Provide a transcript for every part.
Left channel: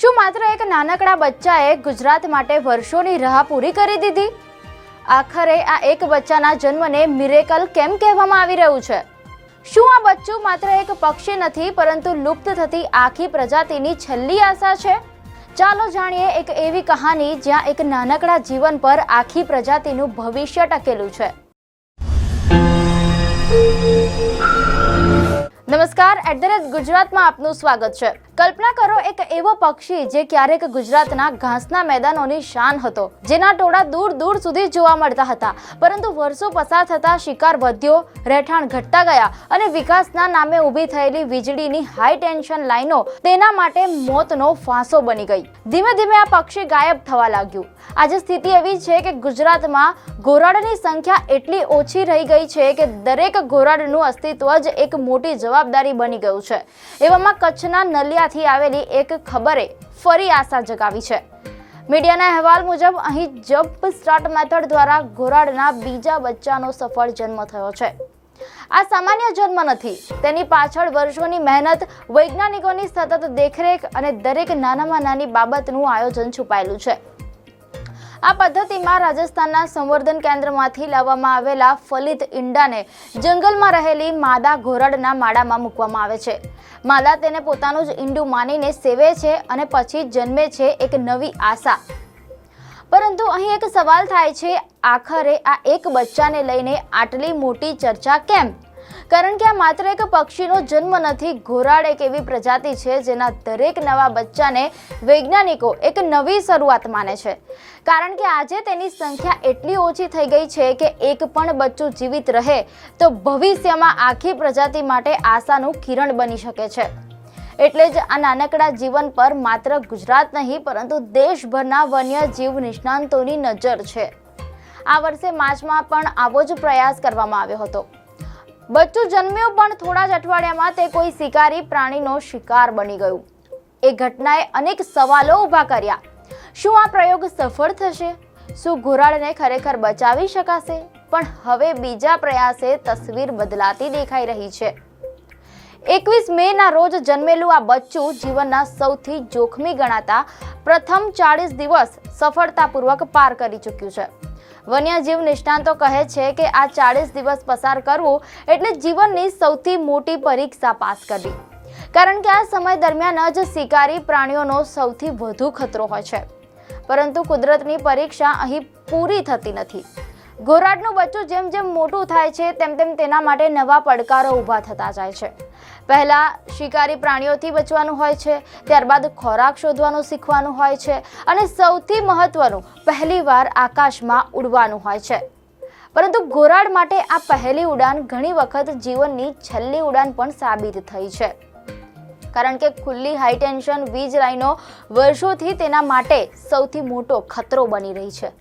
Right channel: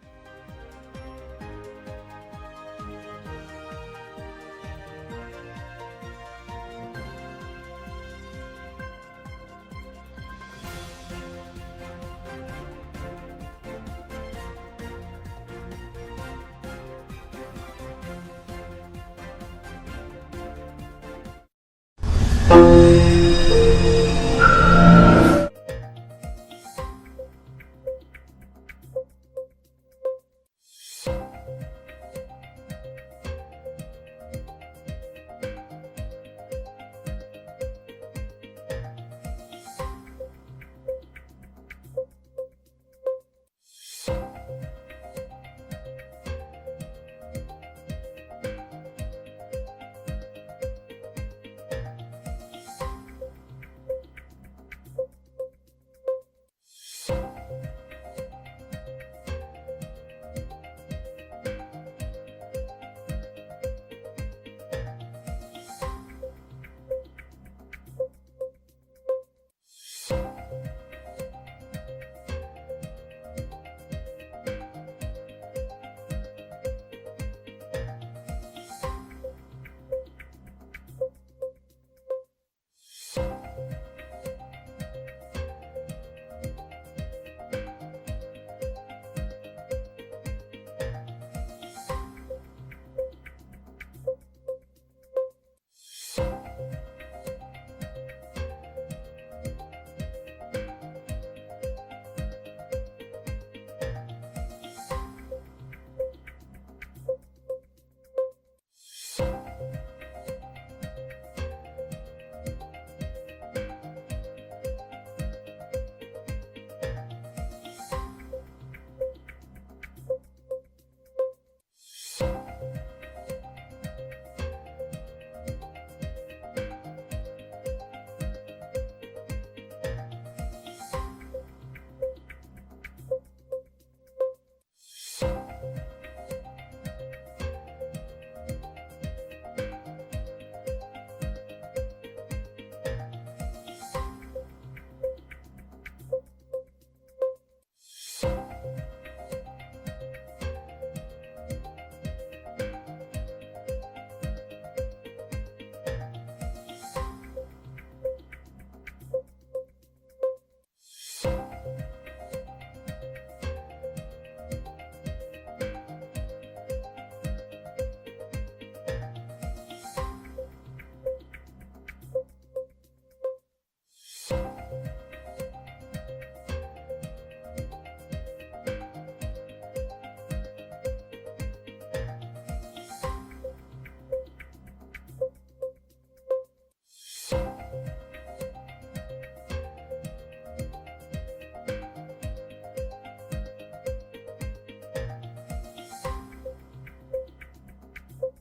શું માત્ર એક નાનકડા બચ્ચાએ ગુજરાત માટે વર્ષોની રાહ પૂરી કરી દીધી? આખરે આ એક બચ્ચાના જન્મને મિરેકલ કેમ કહેવામાં આવી રહ્યું છે? શું આ બચ્ચું માત્ર એક પક્ષી નથી પરંતુ લુપ્ત થતી આખી પ્રજાતિની છેલ્લી આશા છે? ચાલો જાણીએ એક એવી કહાની જ્યાં એક નાનકડા જીવન પર આખી પ્રજાતિનું ભવિષ્ય ટકેલું છે। નમસ્કાર, @ગુજરાતમાં આપનું સ્વાગત છે। કલ્પના કરો એક એવો પક્ષી જે ક્યારેક ગુજરાતના ઘાસના મેદાનોની શાન હતો, જેના ટોળા દૂર દૂર સુધી જોવા મળતા હતા, પરંતુ વર્ષો પસાર થતા શિકાર વધ્યો, રહેઠાણ ઘટતા ગયા અને વિકાસના નામે ઊભી થયેલી વીજળીની હાઈ ટેન્શન લાઈનો તેના માટે મોતનો ફાંસો બની ગઈ। ધીમે ધીમે આ પક્ષી ગાયબ થવા લાગ્યું। આજે સ્થિતિ એવી છે કે ગુજરાતમાં ઘોરાડની સંખ્યા એટલી ઓછી રહી ગઈ છે કે દરેક ઘોરાડનું અસ્તિત્વ જ એક મોટી જવાબદારી બની ગયું છે। એવામાં કચ્છના નલિયાથી આવેલી એક ખબરે ફરી આશા જગાવી છે। મીડિયાના અહેવાલ મુજબ અહીં જમ્પ સ્ટાર્ટ મેથડ દ્વારા ઘોરાડના બીજા બચ્ચાનો સફળ જન્મ થયો છે। આ સામાન્ય જન્મ નથી, તેની પાછળ વર્ષોની મહેનત, વૈજ્ઞાનિકોની સતત દેખરેખ અને દરેક નાનામાં નાની બાબતનું આયોજન છુપાયેલું છે। આ પદ્ધતિમાં રાજસ્થાનના સંવર્ધન કેન્દ્રમાંથી લાવવામાં આવેલા ફલિત ઈંડાને જંગલમાં રહેલી માદા ઘોરાડના માળામાં મૂકવામાં આવે છે। માદા તેને પોતાનું જ ઈંડું માનીને સેવે છે અને પછી જન્મે છે એક નવી આશા। પરંતુ અહીં એક સવાલ થાય છે, આખરે આ એક બચ્ચાને લઈને આટલી મોટી ચર્ચા કેમ? કારણ કે આ માત્ર એક પક્ષીનો જન્મ નથી, ઘોરાડ એક એવી પ્રજાતિ છે જેના દરેક નવા બચ્ચાને વૈજ્ઞાનિકો એક નવી શરૂઆત માને છે। કારણ કે આજે તેની સંખ્યા એટલી ઓછી થઈ ગઈ છે કે એક પણ બચ્ચું જીવિત રહે તો ભવિષ્યમાં આખી પ્રજાતિ માટે આશાનું કિરણ બની શકે છે। એટલે જ આ નાનકડા જીવન પર માત્ર ગુજરાત નહીં પરંતુ દેશભરના વન્યજીવ નિષ્ણાંતોની નજર છે। આ વર્ષે માર્ચમાં પણ આવો જ પ્રયાસ કરવામાં આવ્યો હતો। બચ્ચું જન્મ્યું પણ થોડા જ અઠવાડિયામાં તે કોઈ શિકારી પ્રાણીનો શિકાર બની ગયું। એ ઘટનાએ અનેક સવાલો ઊભા કર્યા। શું આ પ્રયોગ સફળ થશે? શું ઘોરાડને ખરેખર બચાવી શકાશે? પણ હવે બીજા પ્રયાસે તસવીર બદલાતી દેખાઈ રહી છે। 21 મેના રોજ જન્મેલું આ બચ્ચું જીવનના સૌથી જોખમી ગણાતા પ્રથમ 40 દિવસ સફળતાપૂર્વક પાર કરી ચૂક્યું છે। વન્યજીવ નિષ્ણાંતો કહે છે કે આ 40 દિવસ પસાર કરવું એટલે જીવનની સૌથી મોટી પરીક્ષા પાસ કરવી, કારણ કે આ સમય દરમિયાન જ શિકારી પ્રાણીઓનો સૌથી વધુ ખતરો હોય છે। પરંતુ કુદરતની પરીક્ષા અહીં પૂરી થતી નથી। ઘોરાડનું બચ્ચું જેમ જેમ મોટું થાય છે તેમ તેમ તેના માટે નવા પડકારો ઊભા થતા જાય છે। પહેલા શિકારી પ્રાણીઓથી બચવાનું હોય છે, ત્યારબાદ ખોરાક શોધવાનું શીખવાનું હોય છે અને સૌથી મહત્વનું, પહેલીવાર આકાશમાં ઉડવાનું હોય છે। પરંતુ ઘોરાડ માટે આ પહેલી ઉડાન ઘણી વખત જીવનની છેલ્લી ઉડાન પણ સાબિત થઈ છે, કારણ કે ખુલ્લી હાઈ ટેન્શન વીજ લાઈનો વર્ષોથી તેના માટે સૌથી મોટો ખતરો બની રહી છે।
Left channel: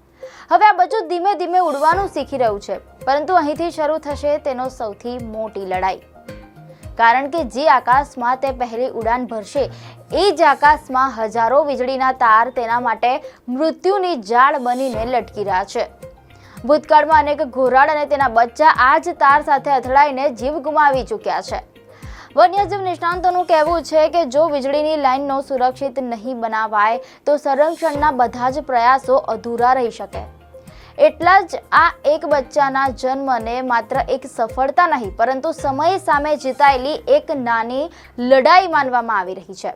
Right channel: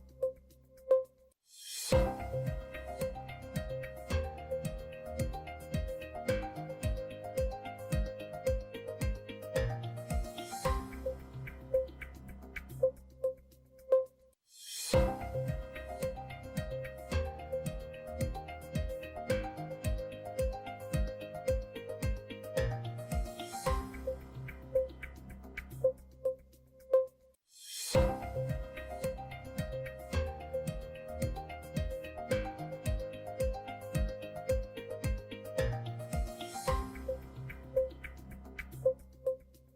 હવે આ બચ્ચું ધીમે ધીમે ઉડવાનું શીખી રહ્યું છે, પરંતુ અહીંથી શરૂ થશે તેનો સૌથી મોટી લડાઈ, કારણ કે જે આકાશમાં તે પહેલી ઉડાન ભરશે એ જ આકાશમાં હજારો વીજળીના તાર તેના માટે મૃત્યુની જાળ બનીને લટકી રહ્યા છે। ભૂતકાળમાં અનેક ઘોરાડ અને તેના બચ્ચા આ જ તાર સાથે અથડાઈને જીવ ગુમાવી ચૂક્યા છે। વન્યજીવ નિષ્ણાંતોનું કહેવું છે કે જો વીજળીની લાઈનનો સુરક્ષિત નહીં બનાવાય તો સંરક્ષણના બધા જ પ્રયાસો અધૂરા રહી શકે। એટલા જ આ એક બચ્ચાના જન્મને માત્ર એક સફળતા નહીં પરંતુ સમય સામે જીતાયેલી એક નાની લડાઈ માનવામાં આવી રહી છે।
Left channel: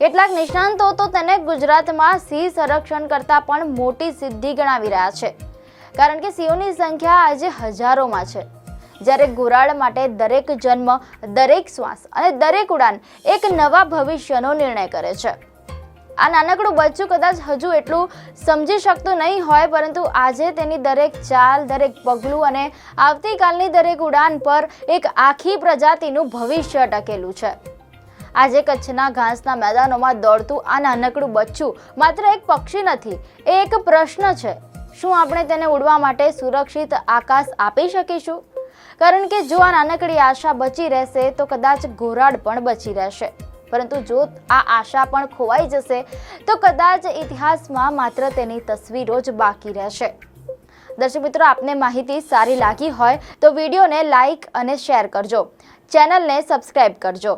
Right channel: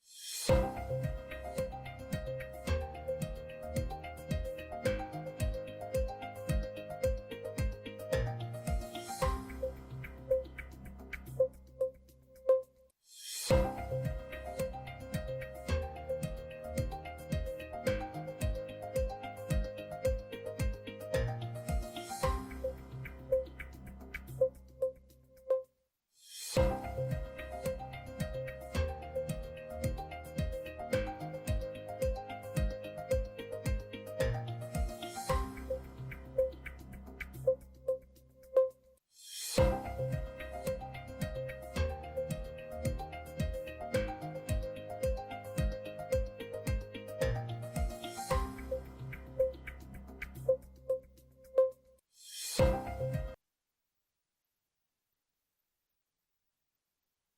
કેટલાક નિષ્ણાંતો તો તેને ગુજરાતમાં સિંહ સંરક્ષણ કરતાં પણ મોટી સિદ્ધિ ગણાવી રહ્યા છે, કારણ કે સિંહોની સંખ્યા આજે હજારોમાં છે, જ્યારે ઘોરાડ માટે દરેક જન્મ, દરેક શ્વાસ અને દરેક ઉડાન એક નવા ભવિષ્યનો નિર્ણય કરે છે। આ નાનકડું બચ્ચું કદાચ હજુ એટલું સમજી શકતું નહીં હોય, પરંતુ આજે તેની દરેક ચાલ, દરેક પગલું અને આવતીકાલની દરેક ઉડાન પર એક આખી પ્રજાતિનું ભવિષ્ય ટકેલું છે। આજે કચ્છના ઘાસના મેદાનોમાં દોડતું આ નાનકડું બચ્ચું માત્ર એક પક્ષી નથી, એ એક પ્રશ્ન છે। શું આપણે તેને ઉડવા માટે સુરક્ષિત આકાશ આપી શકીશું? કારણ કે જો આ નાનકડી આશા બચી રહેશે તો કદાચ ઘોરાડ પણ બચી રહેશે, પરંતુ જો આ આશા પણ ખોવાઈ જશે તો કદાચ ઇતિહાસમાં માત્ર તેની તસવીરો જ બાકી રહેશે। દર્શક મિત્રો, આપને માહિતી સારી લાગી હોય તો વિડીયોને લાઈક અને શેર કરજો, ચેનલને સબસ્ક્રાઇબ કરજો।